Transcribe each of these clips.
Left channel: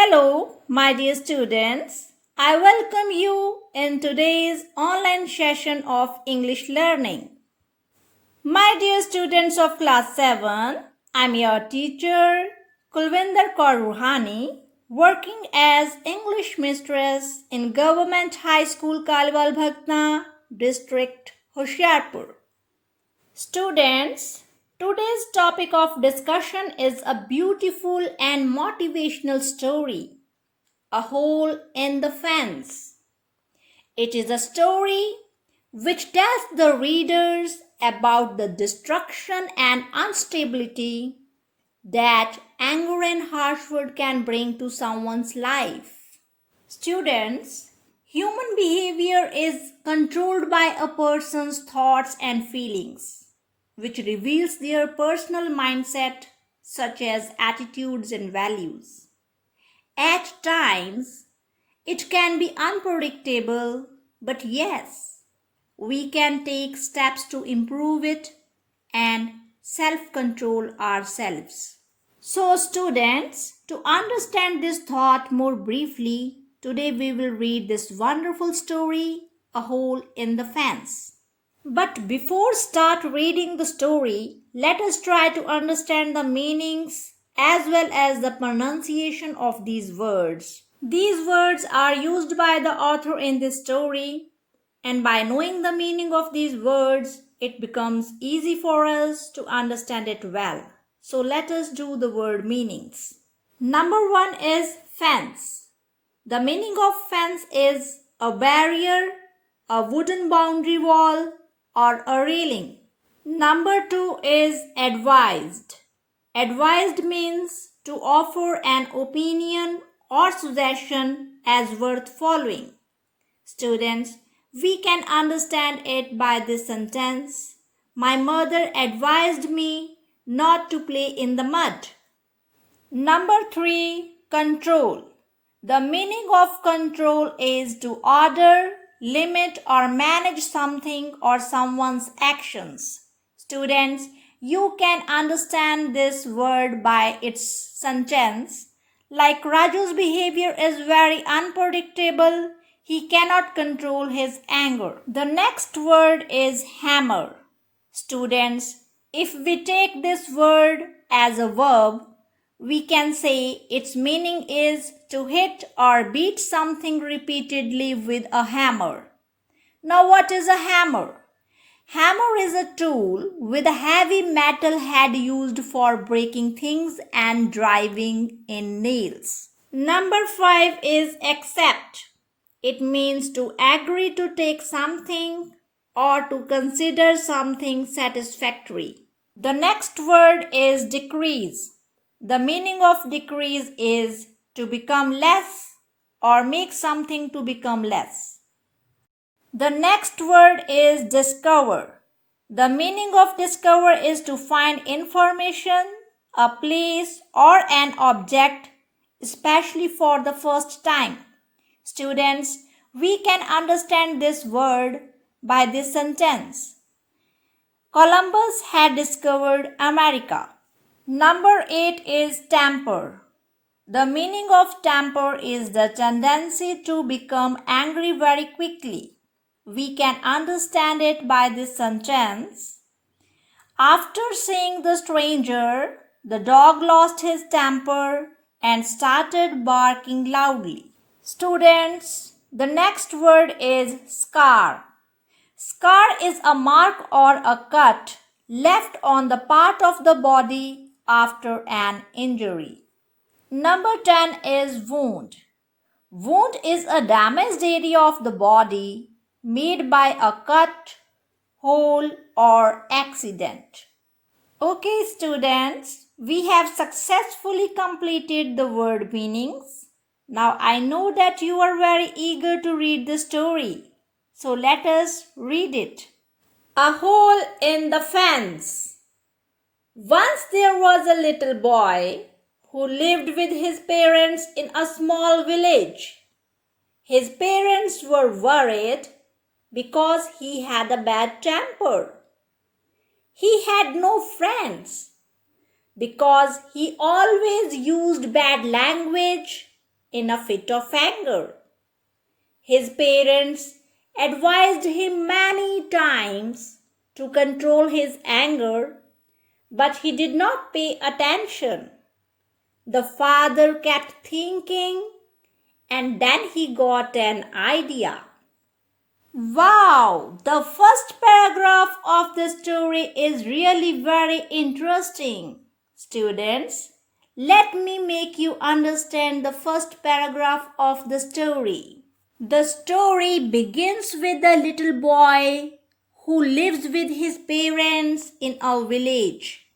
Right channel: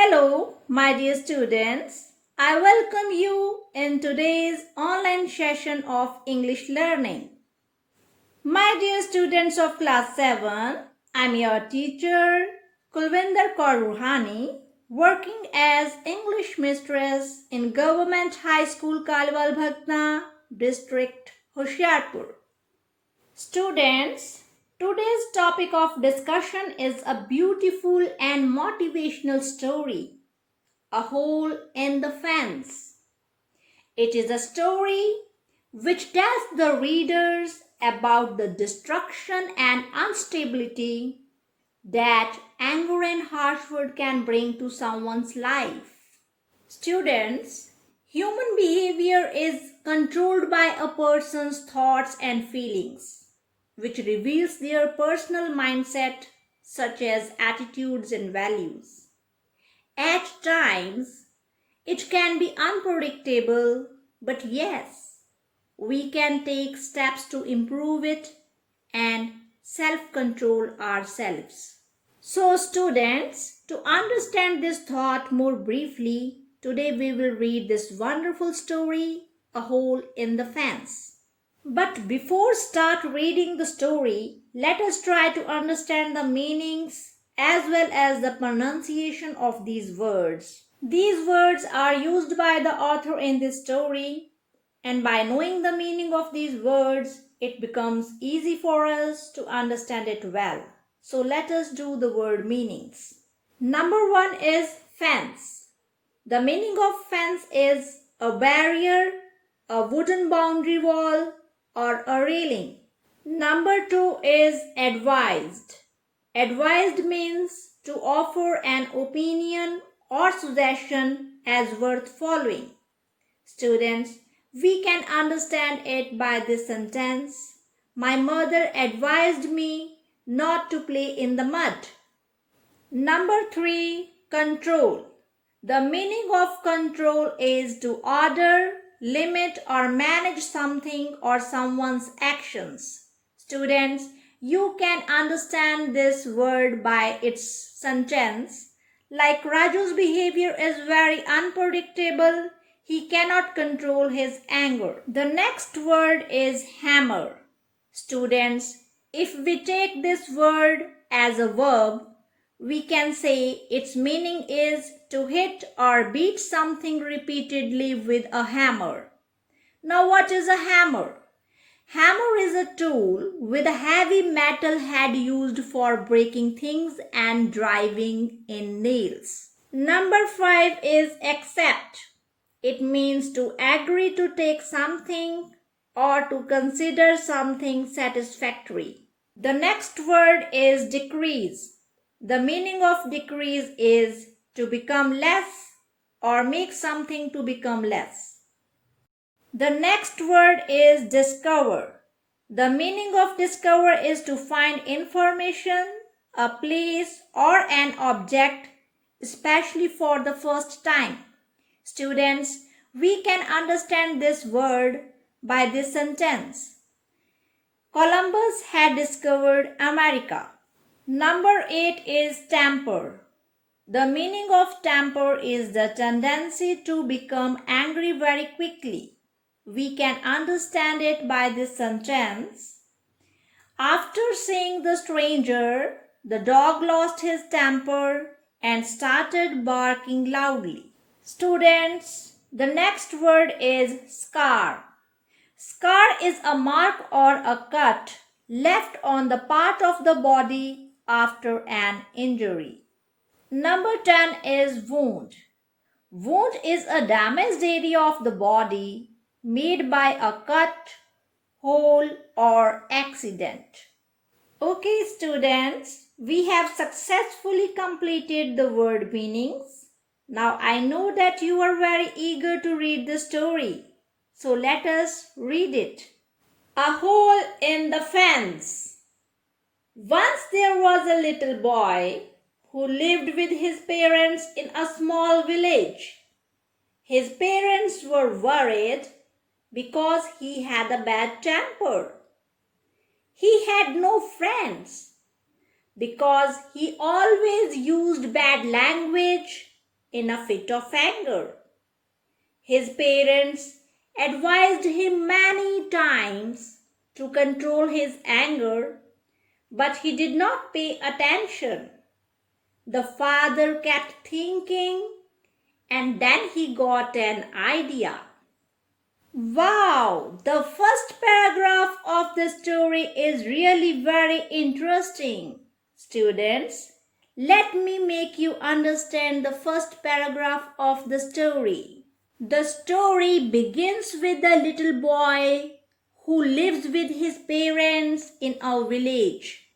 Hello, my dear students. I welcome you in today's online session of English learning. My dear students of class 7, I'm your teacher, Kulvinder Kaur Ruhani, working as English mistress in Government High School Kalwal Bhakna, District Hoshiarpur. Students, today's topic of discussion is a beautiful and motivational story, A Hole in the Fence. It is a story which tells the readers about the destruction and instability that anger and harsh word can bring to someone's life. Students, human behavior is controlled by a person's thoughts and feelings, which reveals their personal mindset such as attitudes and values. At times, it can be unpredictable, but yes, we can take steps to improve it and self-control ourselves. So students, to understand this thought more briefly, today we will read this wonderful story, A Hole in the Fence. But before start reading the story, let us try to understand the meanings as well as the pronunciation of these words. These words are used by the author in this story, and by knowing the meaning of these words, it becomes easy for us to understand it well. So let us do the word meanings. Number 1 is fence. The meaning of fence is a barrier, a wooden boundary wall, or a railing. Number 2 is advised. Advised means to offer an opinion or suggestion as worth following. Students, we can understand it by this sentence. My mother advised me not to play in the mud. Number 3, control. The meaning of control is to order, limit or manage something or someone's actions. Students, you can understand this word by its sentence. Like Raju's behavior is very unpredictable. He cannot control his anger. The next word is hammer. Students, if we take this word as a verb, we can say its meaning is to hit or beat something repeatedly with a hammer. Now what is a hammer? Hammer is a tool with a heavy metal head used for breaking things and driving in nails. Number 5 is accept. It means to agree to take something or to consider something satisfactory. The next word is decrease. The meaning of decrease is to become less or make something to become less. The next word is discover. The meaning of discover is to find information, a place or an object, especially for the first time. Students, we can understand this word by this sentence. Columbus had discovered America. Number 8 is temper. The meaning of temper is the tendency to become angry very quickly. We can understand it by this sentence. After seeing the stranger, the dog lost his temper and started barking loudly. Students, the next word is scar. Scar is a mark or a cut left on the part of the body after an injury. Number 10 is wound. Wound is a damaged area of the body made by a cut, hole or accident. Okay students, we have successfully completed the word meanings. Now I know that you are very eager to read the story. So let us read it. A Hole in the Fence. Once there was a little boy who lived with his parents in a small village. His parents were worried because he had a bad temper. He had no friends because he always used bad language in a fit of anger. His parents advised him many times to control his anger, but he did not pay attention. The father kept thinking, and then he got an idea. Wow, the first paragraph of the story is really very interesting. Students, let me make you understand the first paragraph of the story. The story begins with a little boy who lives with his parents in a village.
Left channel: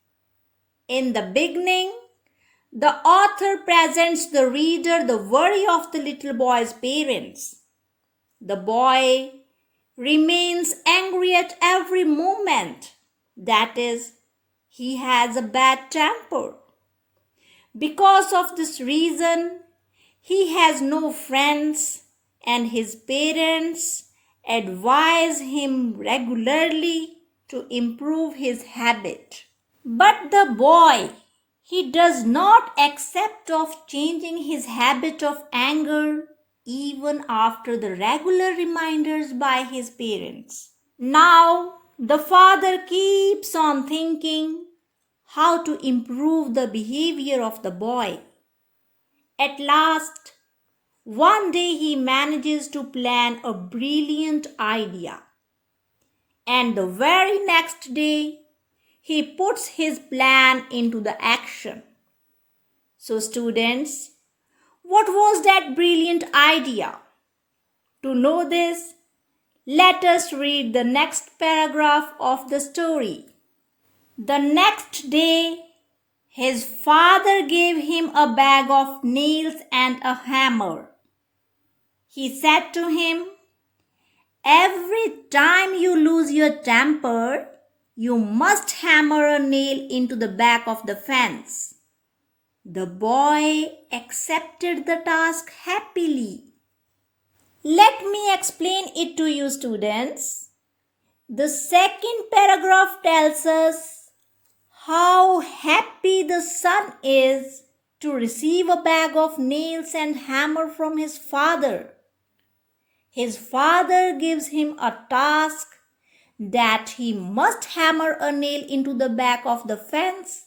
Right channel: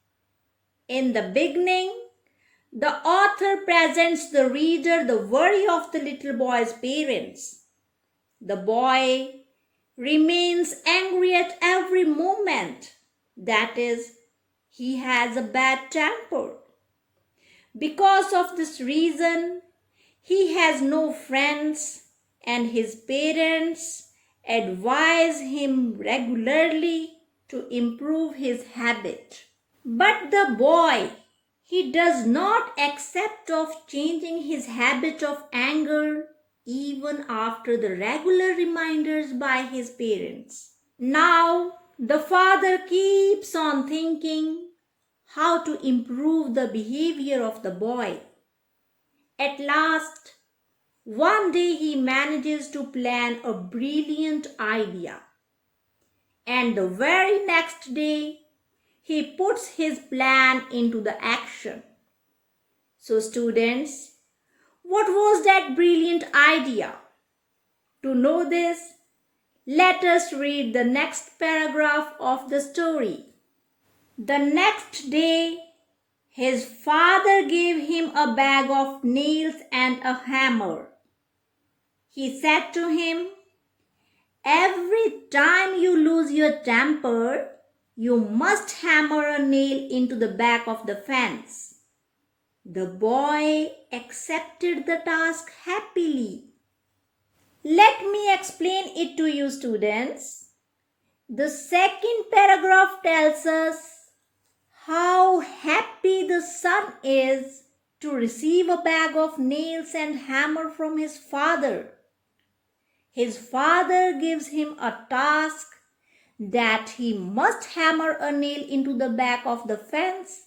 In the beginning, the author presents the reader the worry of the little boy's parents. The boy remains angry at every moment. That is, he has a bad temper. Because of this reason, he has no friends, and his parents advise him regularly to improve his habit. But the boy, he does not accept of changing his habit of anger even after the regular reminders by his parents. Now, the father keeps on thinking how to improve the behavior of the boy. At last, one day he manages to plan a brilliant idea. And the very next day, he puts his plan into the action. So students, what was that brilliant idea? To know this, let us read the next paragraph of the story. The next day, his father gave him a bag of nails and a hammer. He said to him, "Every time you lose your temper, you must hammer a nail into the back of the fence." The boy accepted the task happily. Let me explain it to you, students. The second paragraph tells us how happy the son is to receive a bag of nails and hammer from his father. His father gives him a task that he must hammer a nail into the back of the fence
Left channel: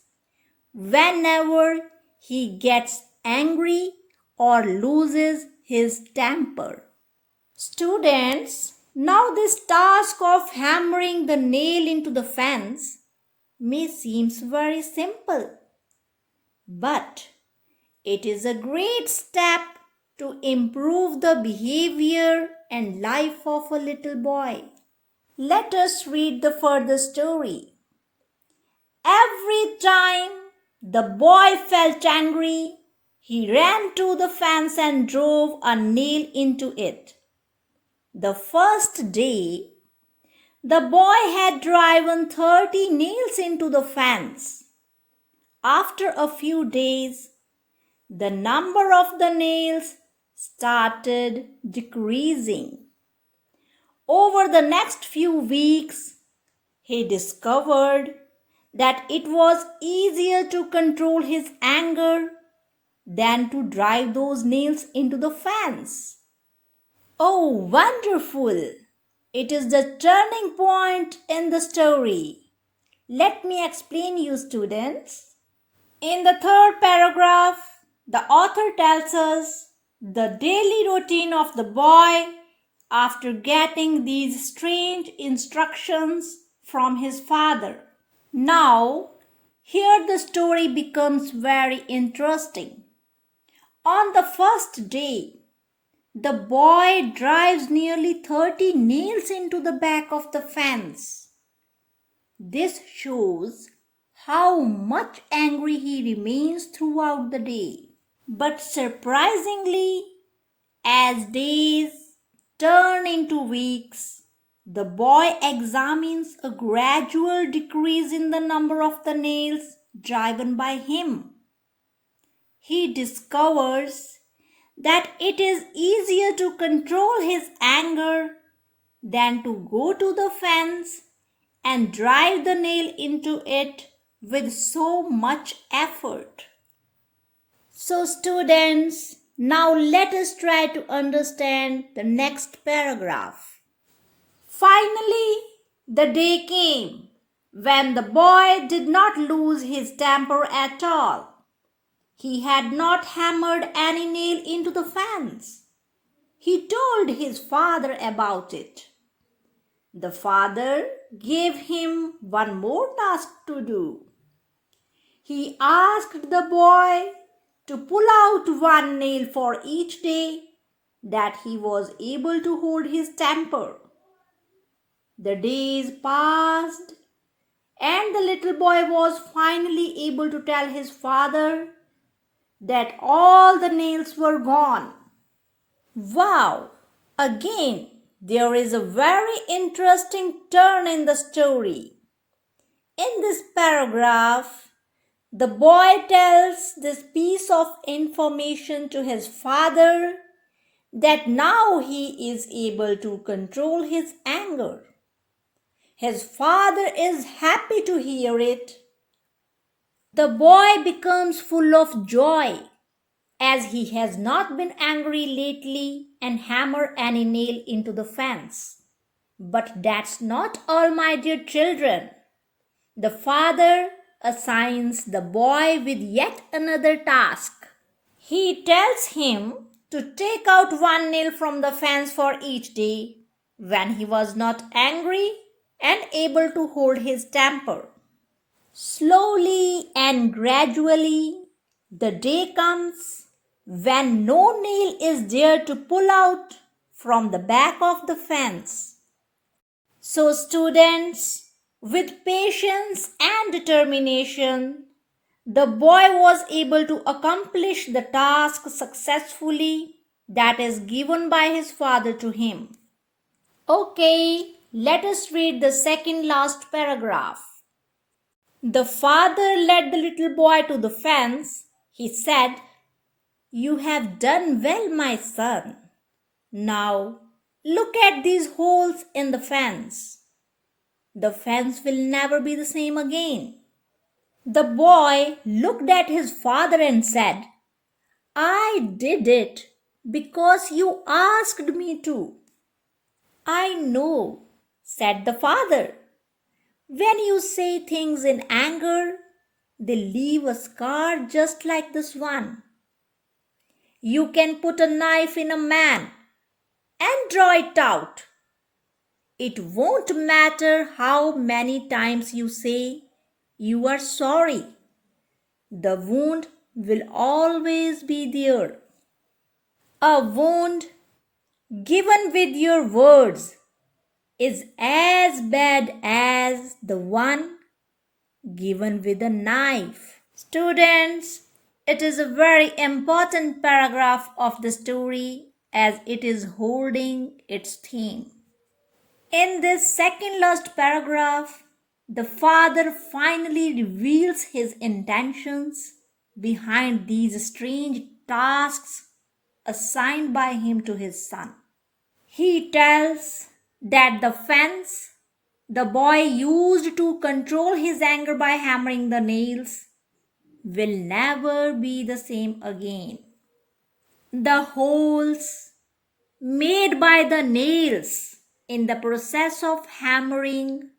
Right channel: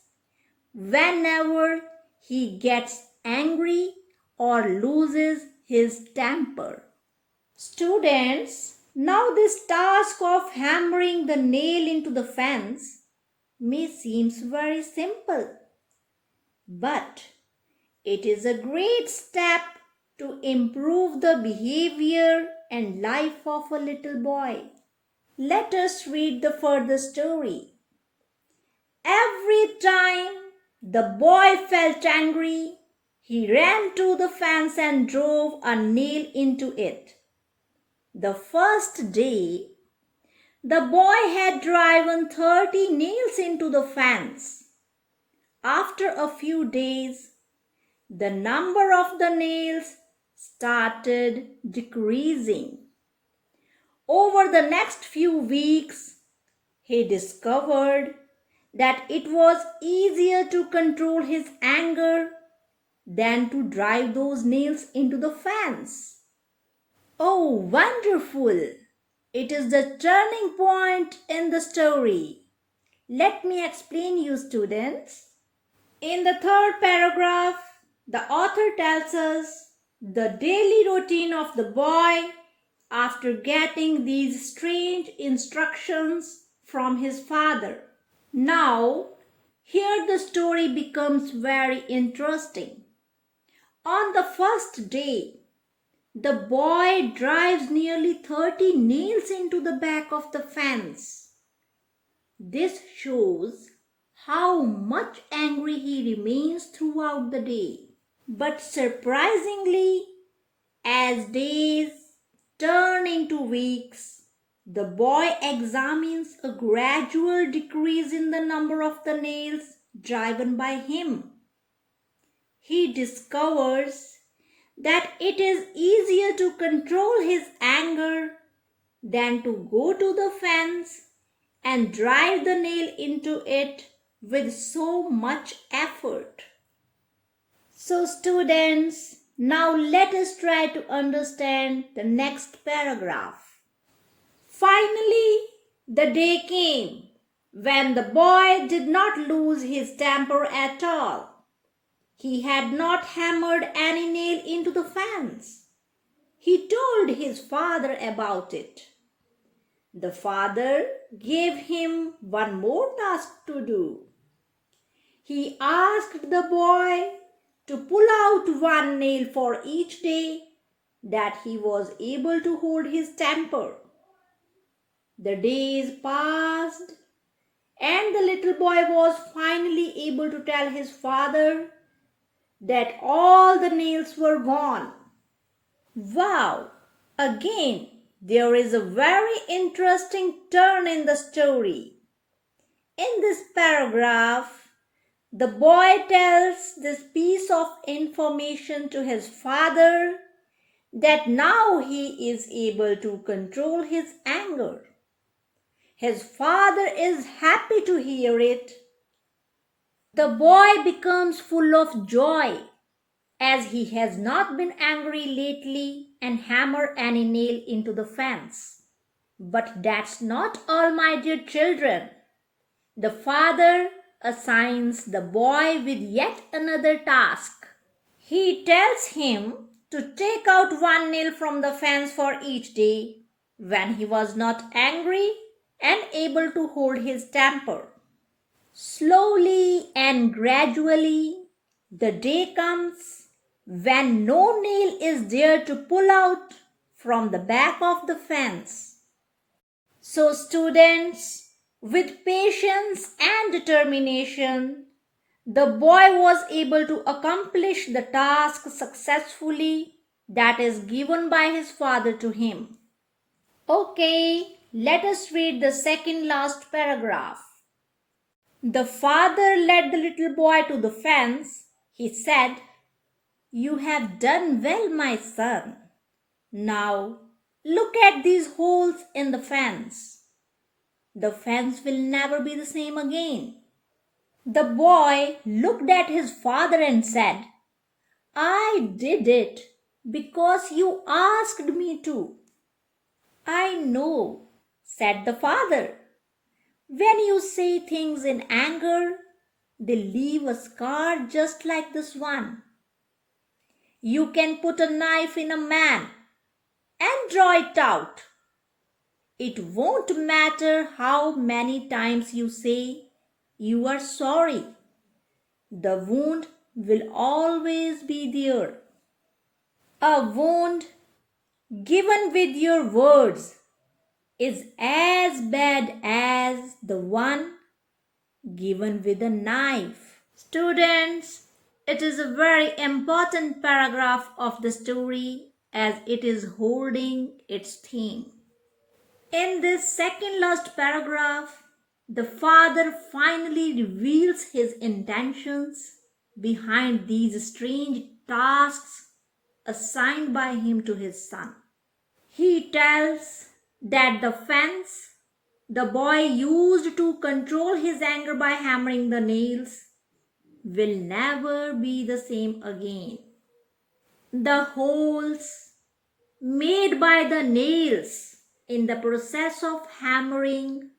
whenever he gets angry or loses his temper. Students, now this task of hammering the nail into the fence may seem very simple, but it is a great step to improve the behavior and life of a little boy. Let us read the further story. Every time the boy felt angry, he ran to the fence and drove a nail into it. The first day, the boy had driven 30 nails into the fence. After a few days, the number of the nails started decreasing. Over the next few weeks, he discovered that it was easier to control his anger than to drive those nails into the fence. Oh, wonderful! It is the turning point in the story. Let me explain you, students. In the third paragraph, the author tells us the daily routine of the boy after getting these strange instructions from his father. Now, here the story becomes very interesting. On the first day, the boy drives nearly 30 nails into the back of the fence. This shows how much angry he remains throughout the day. But surprisingly, as days turn into weeks, the boy examines a gradual decrease in the number of the nails driven by him. He discovers that it is easier to control his anger than to go to the fence and drive the nail into it with so much effort. So students, Now let us try to understand the next paragraph. Finally, the day came when the boy did not lose his temper at all. He had not hammered any nail into the fence. He told his father about it. The father gave him one more task to do. He asked the boy to pull out one nail for each day that he was able to hold his temper. The days passed, and the little boy was finally able to tell his father that all the nails were gone. Wow! Again, there is a very interesting turn in the story. In this paragraph, the boy tells this piece of information to his father that now he is able to control his anger. His father is happy to hear it. The boy becomes full of joy as he has not been angry lately and hammered any nail into the fence. But that's not all, my dear children. The father assigns the boy with yet another task. He tells him to take out one nail from the fence for each day when he was not angry and able to hold his temper. Slowly and gradually, the day comes when no nail is there to pull out from the back of the fence. So, students, with patience and determination, the boy was able to accomplish the task successfully that is given by his father to him. Okay, let us read the second last paragraph. The father led the little boy to the fence. He said, "You have done well, my son. Now, look at these holes in the fence. The fence will never be the same again." The boy looked at his father and said, "I did it because you asked me to." "I know," said the father. "When you say things in anger, they leave a scar just like this one. You can put a knife in a man and draw it out. It won't matter how many times you say you are sorry. The wound will always be there. A wound given with your words is as bad as the one given with a knife." Students, it is a very important paragraph of the story as it is holding its theme. In this second last paragraph, the father finally reveals his intentions behind these strange tasks assigned by him to his son. He tells that the fence the boy used to control his anger by hammering the nails will never be the same again. The holes made by the nails in the process of hammering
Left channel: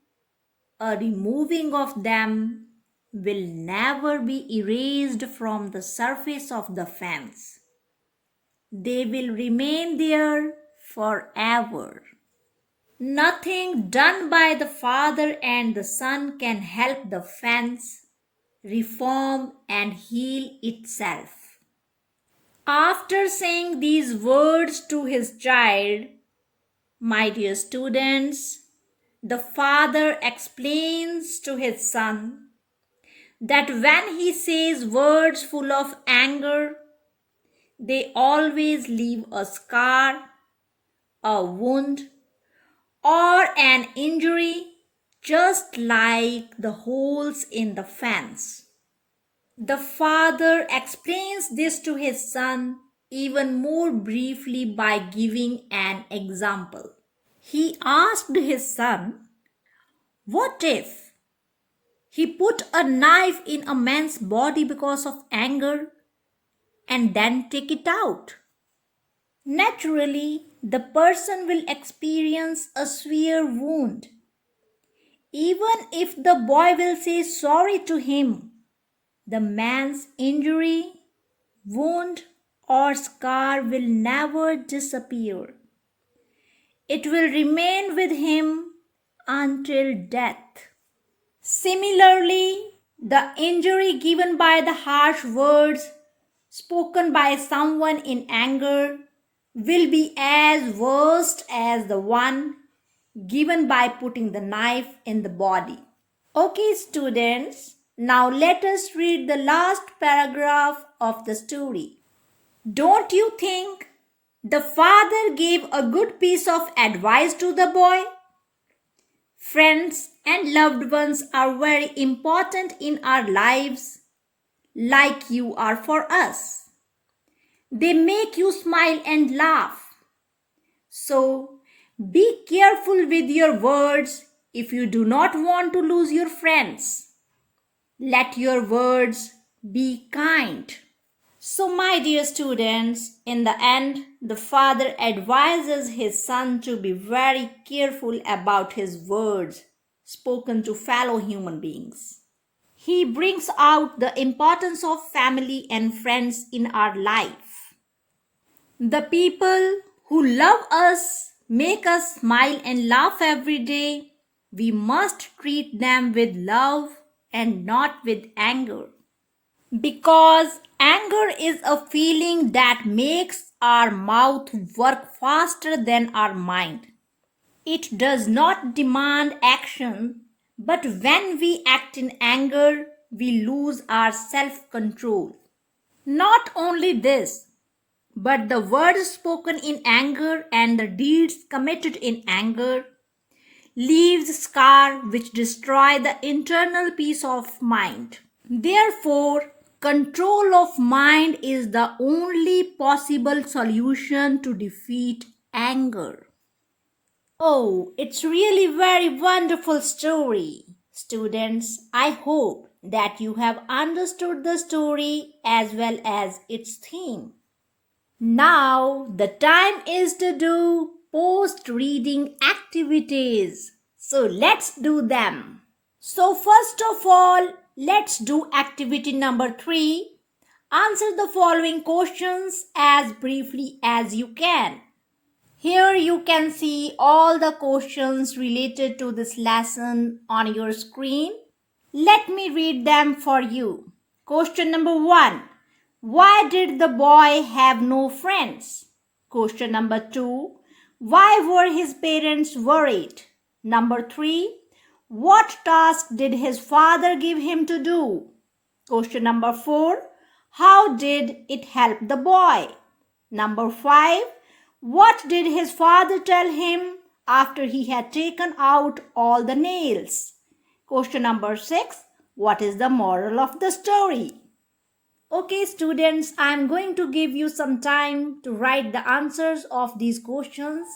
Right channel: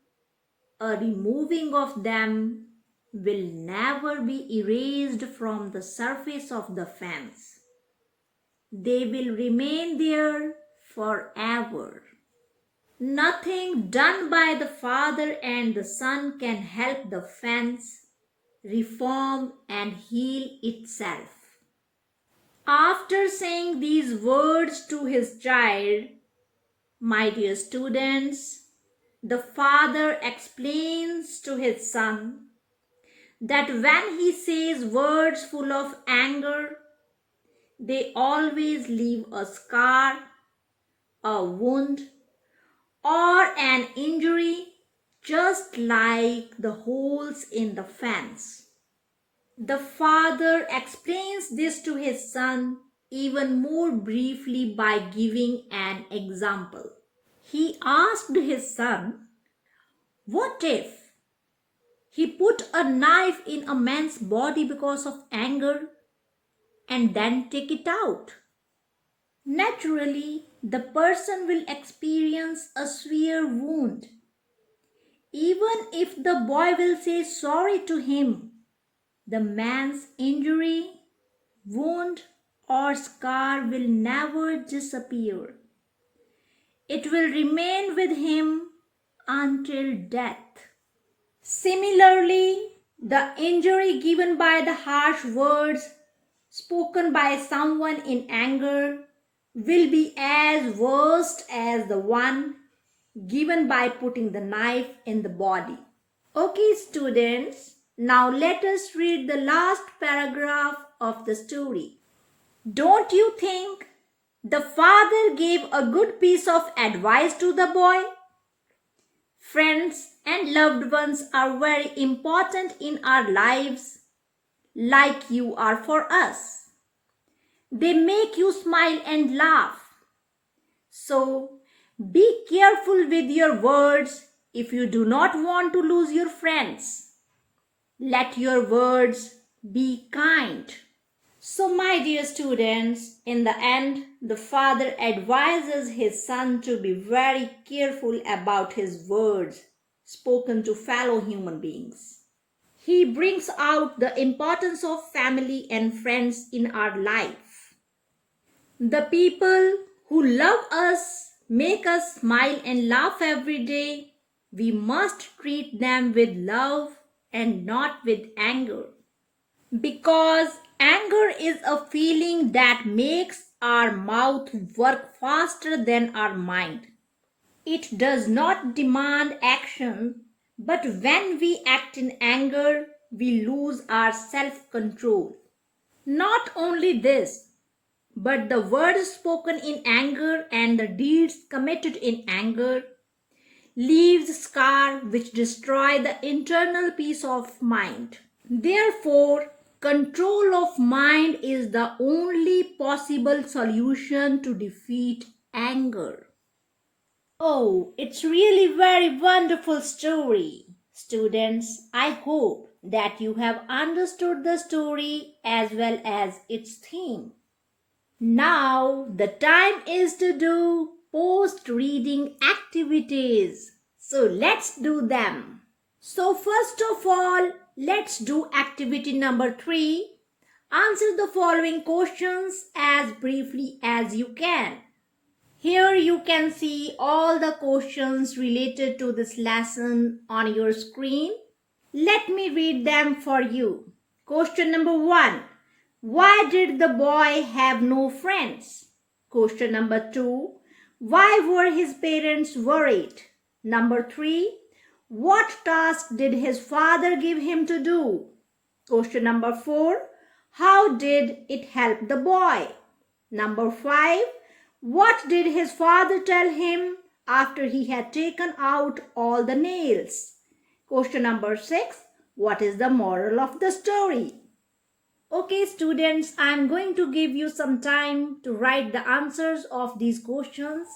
or removing of them will never be erased from the surface of the fence. They will remain there forever. Nothing done by the father and the son can help the fence reform and heal itself. After saying these words to his child, my dear students, the father explains to his son that when he says words full of anger, they always leave a scar, a wound, or an injury, just like the holes in the fence. The father explains this to his son even more briefly by giving an example. He asked his son, "What if he put a knife in a man's body because of anger? and then take it out. Naturally, the person will experience a severe wound. Even if the boy will say sorry to him, the man's injury, wound, or scar will never disappear. It will remain with him until death. Similarly, the injury given by the harsh words spoken by someone in anger will be as worst as the one given by putting the knife in the body. Okay, students, now let us read the last paragraph of the story. Don't you think the father gave a good piece of advice to the boy? Friends and loved ones are very important in our lives, like you are for us. They make you smile and laugh. So, be careful with your words if you do not want to lose your friends. Let your words be kind. So, my dear students, in the end, the father advises his son to be very careful about his words spoken to fellow human beings. He brings out the importance of family and friends in our life. The people who love us, make us smile and laugh every day, we must treat them with love and not with anger. Because anger is a feeling that makes our mouth work faster than our mind. It does not demand action, but when we act in anger, we lose our self-control. Not only this, but the words spoken in anger and the deeds committed in anger leaves scar which destroy the internal peace of mind. Therefore, control of mind is the only possible solution to defeat anger. Oh, it's really very wonderful story. Students, I hope that you have understood the story as well as its theme. Now, the time is to do post-reading activities. So, let's do them. So, first of all, let's do activity number 3. Answer the following questions as briefly as you can. Here you can see all the questions related to this lesson on your screen. Let me read them for you. Question number 1. Why did the boy have no friends? Question number 2. Why were his parents worried? Number 3. What task did his father give him to do? Question number 4. How did it help the boy? Number 5. What did his father tell him after he had taken out all the nails? Question number 6. What is the moral of the story? Okay, students, I am going to give you some time to write the answers of these questions,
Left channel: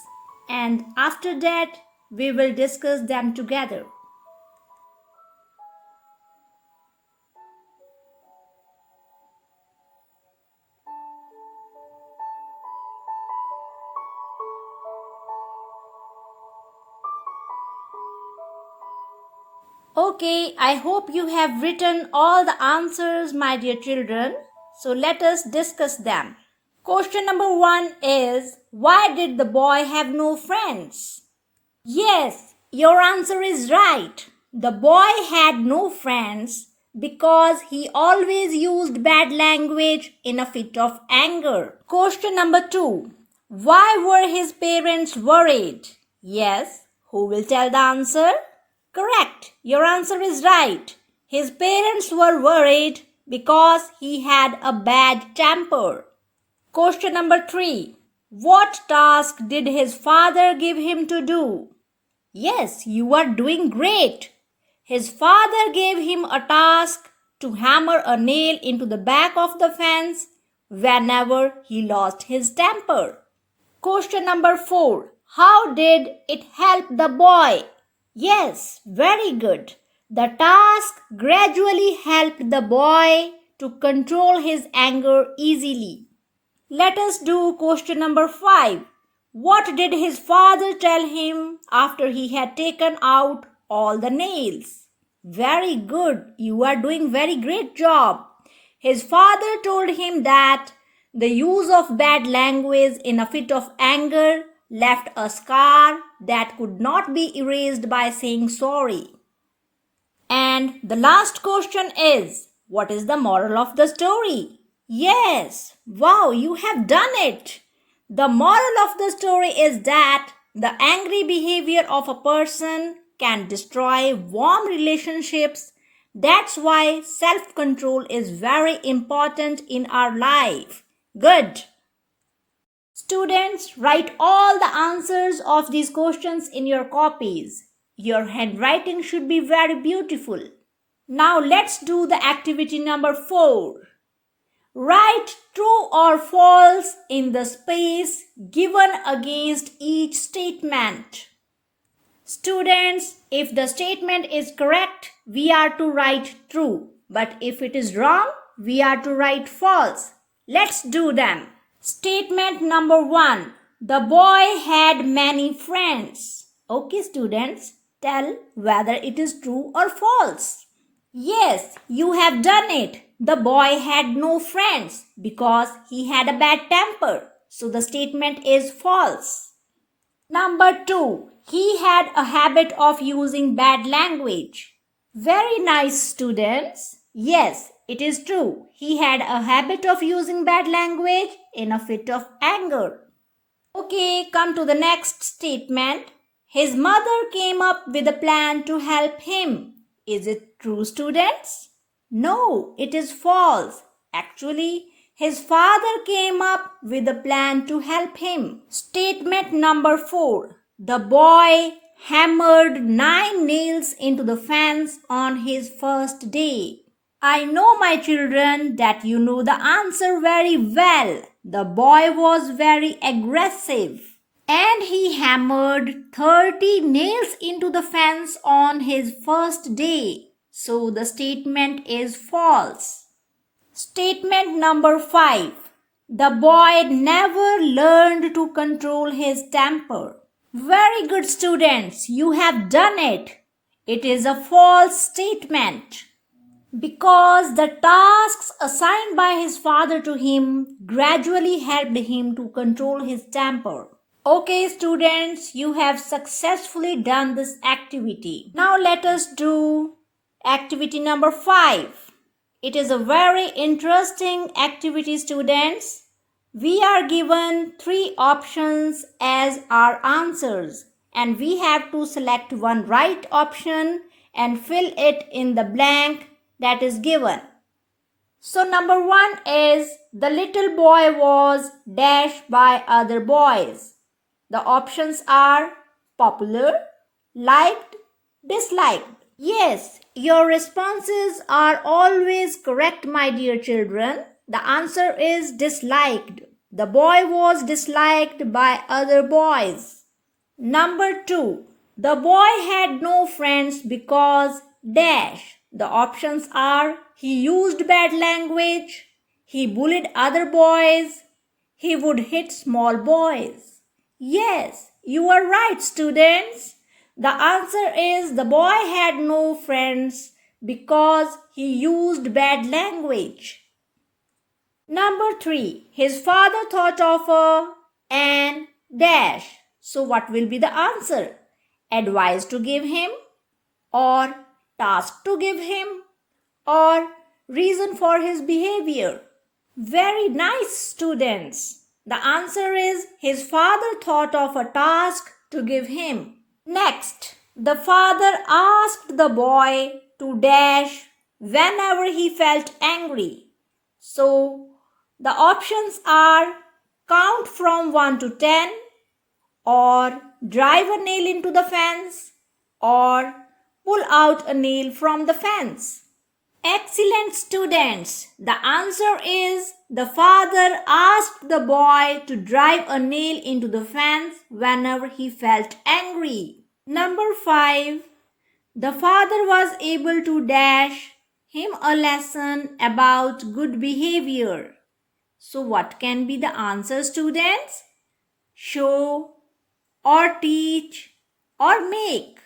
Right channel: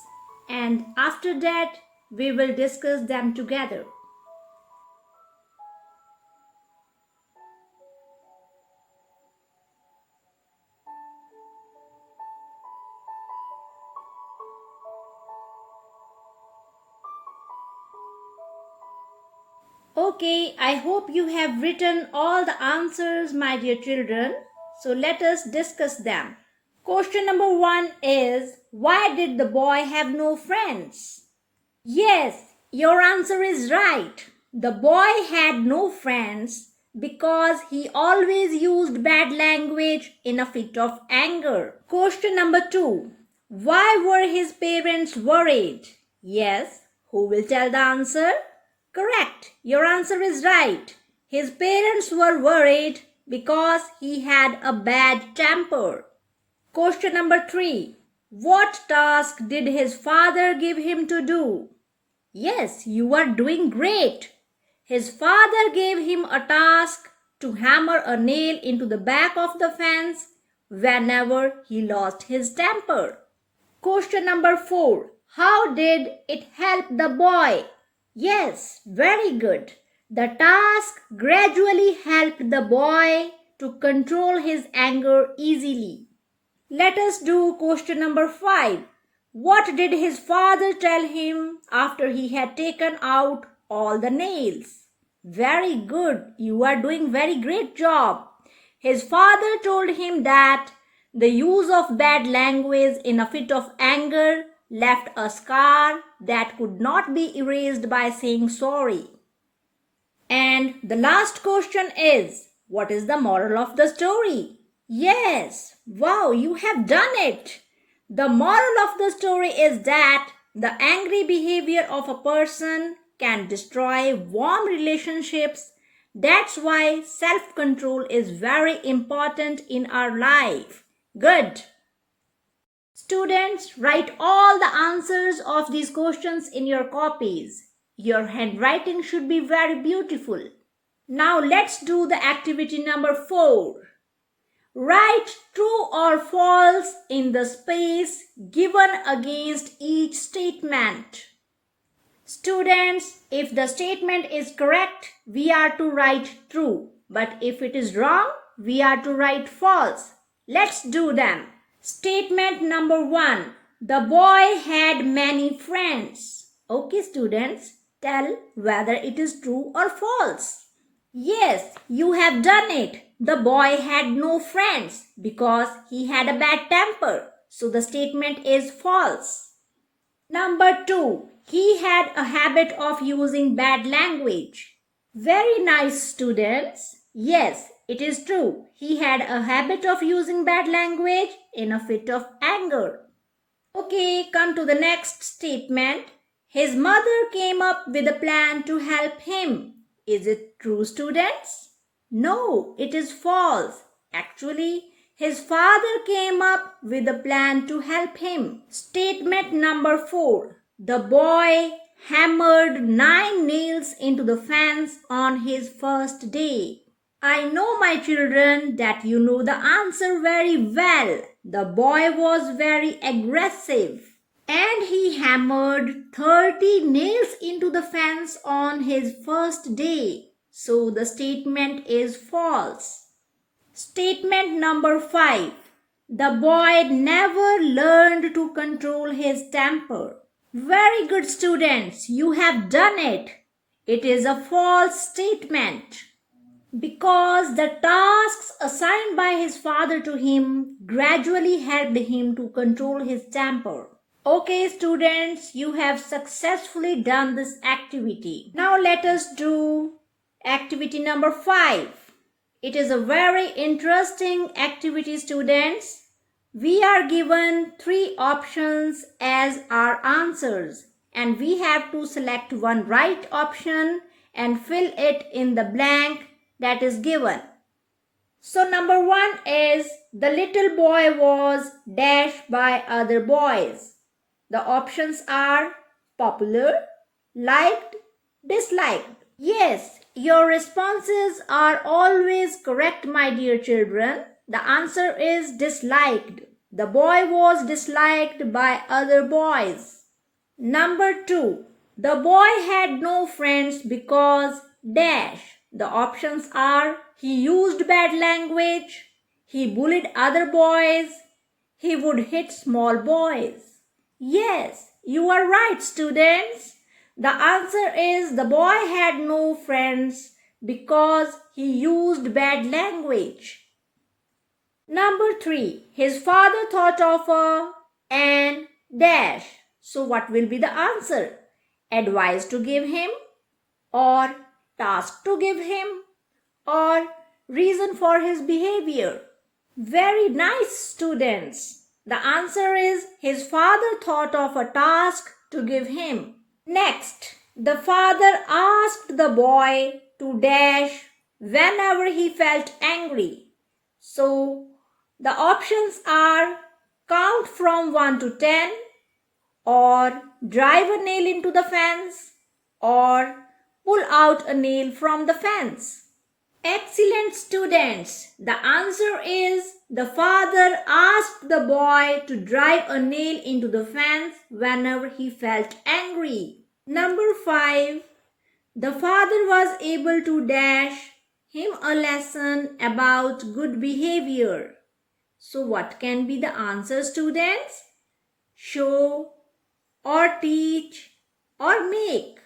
and after that, we will discuss them together. Okay, I hope you have written all the answers, my dear children. So let us discuss them. Question number 1 is, why did the boy have no friends? Yes, your answer is right. The boy had no friends because he always used bad language in a fit of anger. Question number 2. Why were his parents worried? Yes, who will tell the answer? Correct, your answer is right. His parents were worried because he had a bad temper. Question number 3. What task did his father give him to do? Yes, you are doing great. His father gave him a task to hammer a nail into the back of the fence whenever he lost his temper. Question number 4. How did it help the boy? Yes, very good. The task gradually helped the boy to control his anger easily. Let us do question number 5. What did his father tell him after he had taken out all the nails? Very good. You are doing very great job. His father told him that the use of bad language in a fit of anger left a scar that could not be erased by saying sorry. And the last question is, what is the moral of the story? Yes, wow, you have done it. The moral of the story is that the angry behavior of a person can destroy warm relationships. That's why self-control is very important in our life. Good. Students, write all the answers of these questions in your copies. Your handwriting should be very beautiful. Now let's do the activity number 4. Write true or false in the space given against each statement. Students, if the statement is correct, we are to write true. But if it is wrong, we are to write false. Let's do them. Statement number 1. The boy had many friends. Okay, students, tell whether it is true or false. Yes, you have done it. The boy had no friends because he had a bad temper. So the statement is false. Number 2. He had a habit of using bad language. Very nice, students. Yes, it is true. He had a habit of using bad language in a fit of anger. Okay, come to the next statement. His mother came up with a plan to help him. Is it true, students? No, it is false. Actually, his father came up with a plan to help him. Statement number 4. The boy hammered 9 nails into the fence on his first day. I know, my children, that you know the answer very well. The boy was very aggressive and he hammered 30 nails into the fence on his first day. So the statement is false. Statement number 5. The boy never learned to control his temper. Very good, students. You have done it. It is a false statement because the tasks assigned by his father to him gradually helped him to control his temper. Okay, students, you have successfully done this activity. Now let us do activity number 5. It is a very interesting activity, students. We are given 3 options as our answers and we have to select one right option and fill it in the blank that is given. So number 1 is the little boy was dashed by other boys. The options are popular, liked, disliked. Yes, your responses are always correct, my dear children. The answer is disliked. The boy was disliked by other boys. Number 2. The boy had no friends because dash. The options are he used bad language, he bullied other boys, he would hit small boys. Yes, you are right, students. The answer is the boy had no friends because he used bad language. Number 3. His father thought of an dash. So what will be the answer? Advice to give him, or task to give him, or reason for his behavior? Very nice, students. The answer is his father thought of a task to give him. Next, the father asked the boy to dash whenever he felt angry. So, the options are count from 1 to 10, or drive a nail into the fence, or pull out a nail from the fence. Excellent, students. The answer is the father asked the boy to drive a nail into the fence whenever he felt angry. Number 5. The father was able to dash him a lesson about good behavior. So what can be the answer, students? Show or teach or make.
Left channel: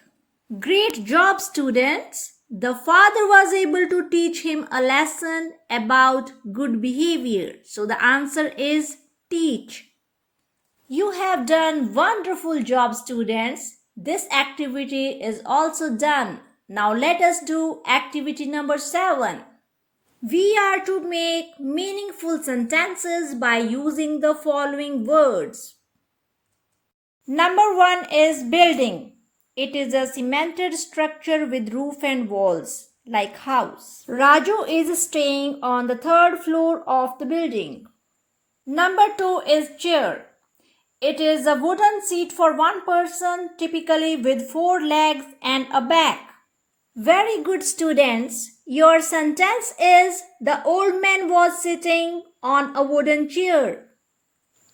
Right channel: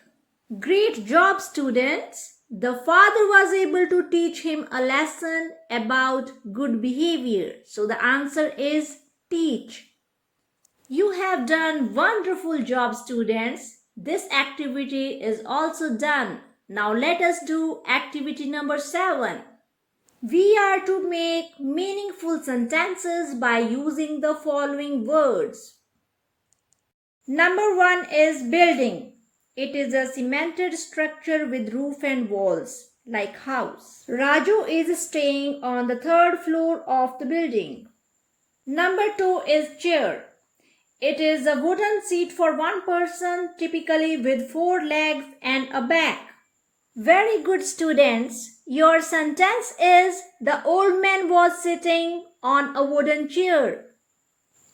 Great job, students. The father was able to teach him a lesson about good behavior. So the answer is teach. You have done wonderful job, students. This activity is also done. Now let us do activity number 7. We are to make meaningful sentences by using the following words. Number 1 is building. It is a cemented structure with roof and walls, like house. Raju is staying on the 3rd floor of the building. Number 2 is chair. It is a wooden seat for one person, typically with 4 legs and a back. Very good, students. Your sentence is the old man was sitting on a wooden chair.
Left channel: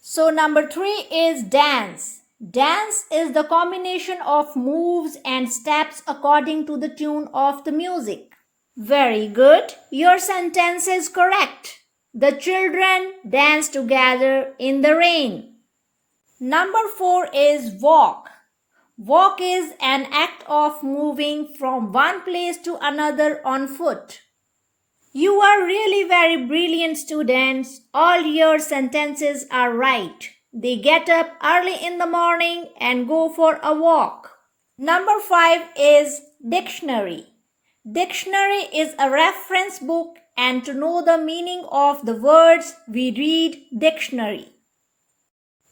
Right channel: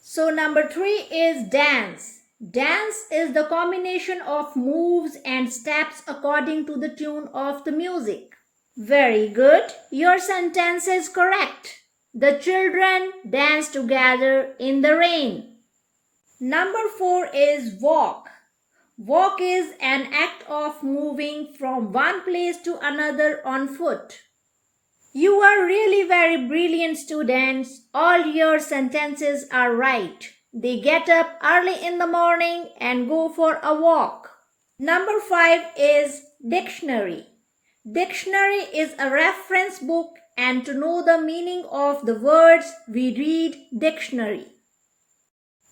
So number 3 is dance. Dance is the combination of moves and steps according to the tune of the music. Very good. Your sentence is correct. The children dance together in the rain. Number 4 is walk. Walk is an act of moving from one place to another on foot. You are really very brilliant, students. All your sentences are right. They get up early in the morning and go for a walk. Number 5 is dictionary. Dictionary is a reference book, and to know the meaning of the words, we read dictionary.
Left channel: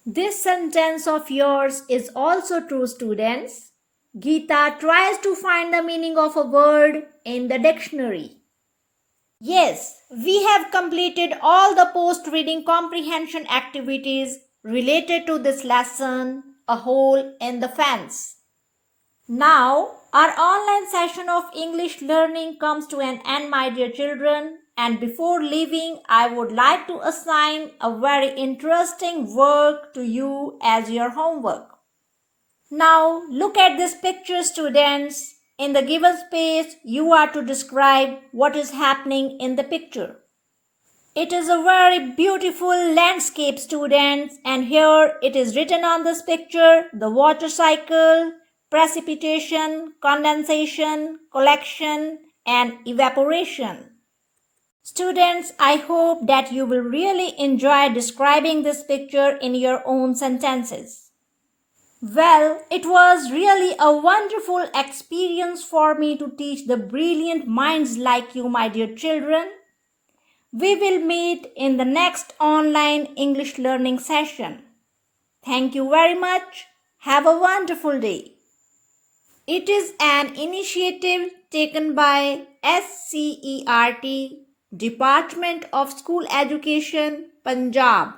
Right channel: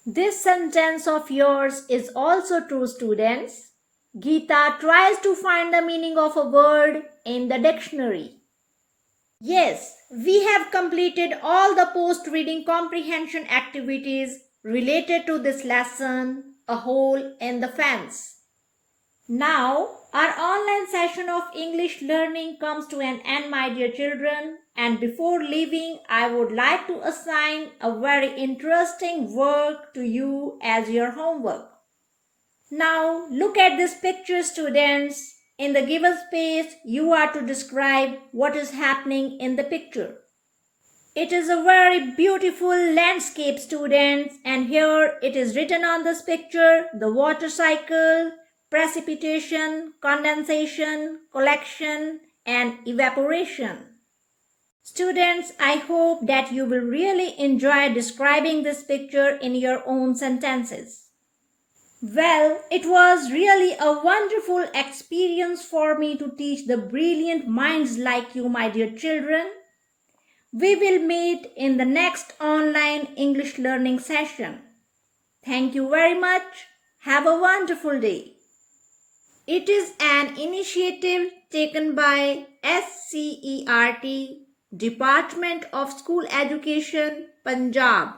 This sentence of yours is also true, students. Geeta tries to find the meaning of a word in the dictionary. Yes, we have completed all the post-reading comprehension activities related to this lesson, A Hole in the Fence. Now, our online session of English learning comes to an end, my dear children. And before leaving, I would like to assign a very interesting work to you as your homework. Now, look at this picture, students. In the given space, you are to describe what is happening in the picture. It is a very beautiful landscape, students, and here it is written on this picture, the water cycle, precipitation, condensation, collection, and evaporation. Students, I hope that you will really enjoy describing this picture in your own sentences. Well, it was really a wonderful experience for me to teach the brilliant minds like you, my dear children. We will meet in the next online English learning session. Thank you very much. Have a wonderful day. It is an initiative taken by SCERT, Department of School Education, Punjab.